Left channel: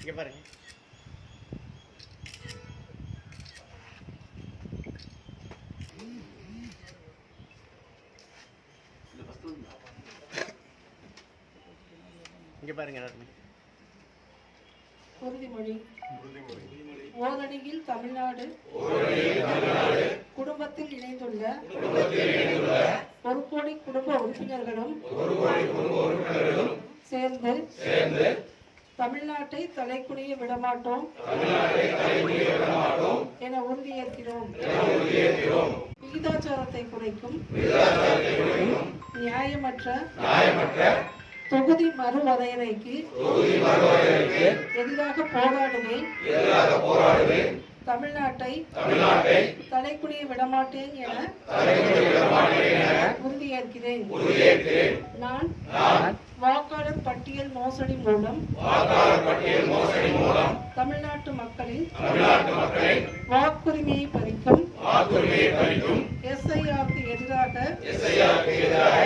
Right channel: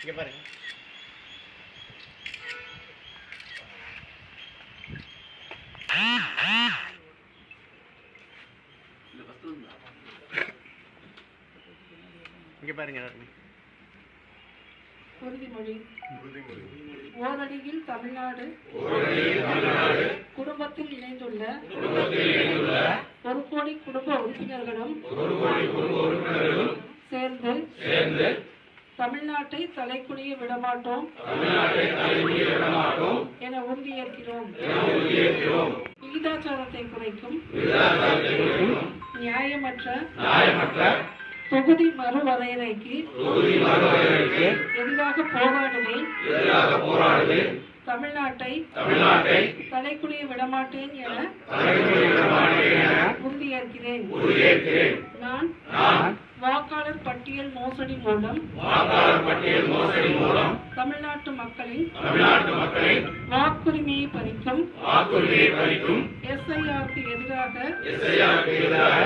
இங்கே பாருங்க. இங்கே பாருங்க. உறுதிமொழி ஓரடியில் தமிழ்நாடு. குடும்பத்தில் இணைந்துள்ள. ஒரு கோடி குடும்ப உறுப்பினர்களும் சேர்ந்து தமிழ்நாட்டை தலைக்குனிய விடமாட்டோம். என உறுதியேற்கிறோம் விகிதாச்சாரத்தை குறைக்கும். நியாயமற்ற தொகுதி மறுவரையறைக்கு எதிராக போராடுவேன். தமிழ்நாட்டை தலைக்குனிய விடமாட்டேன் என உறுதியேற்கிறேன். நான் வாக்காளர் பட்டியல் மோசடி மூலம் தமிழ்நாட்டு மக்களின் வாக்குரிமையை பறிக்கும் எஸ்ஐஆருக்கு எதிராக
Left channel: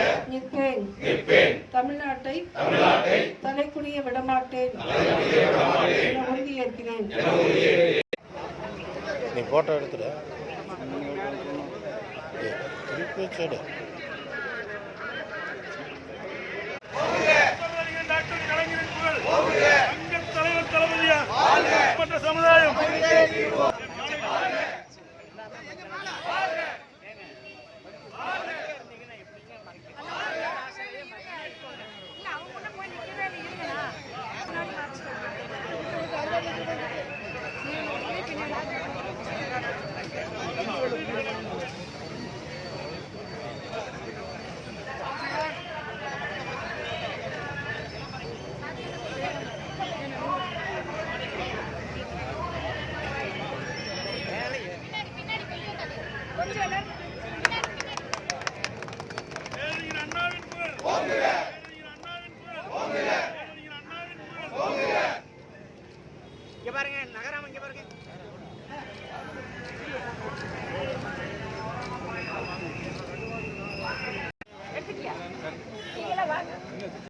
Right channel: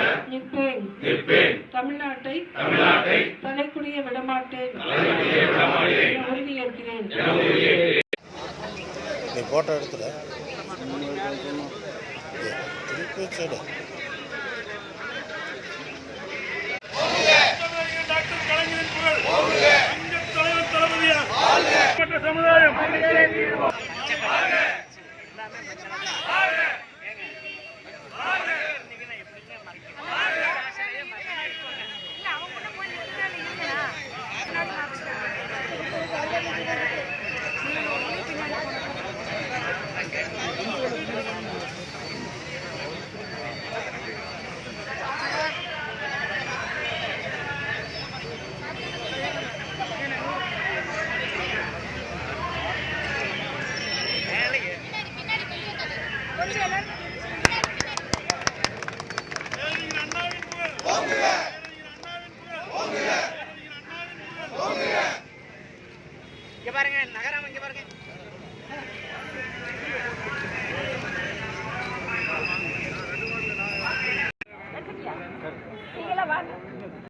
நிற்பேன். தமிழ்நாட்டை தலைக்குனிய விடமாட்டேன். என உறுதியேற்கிறேன். நீ ஃபோட்டோ எடுத்துட. திருப்பி சைடு சமுதாயம் சமுதாயம் கொஞ்சம்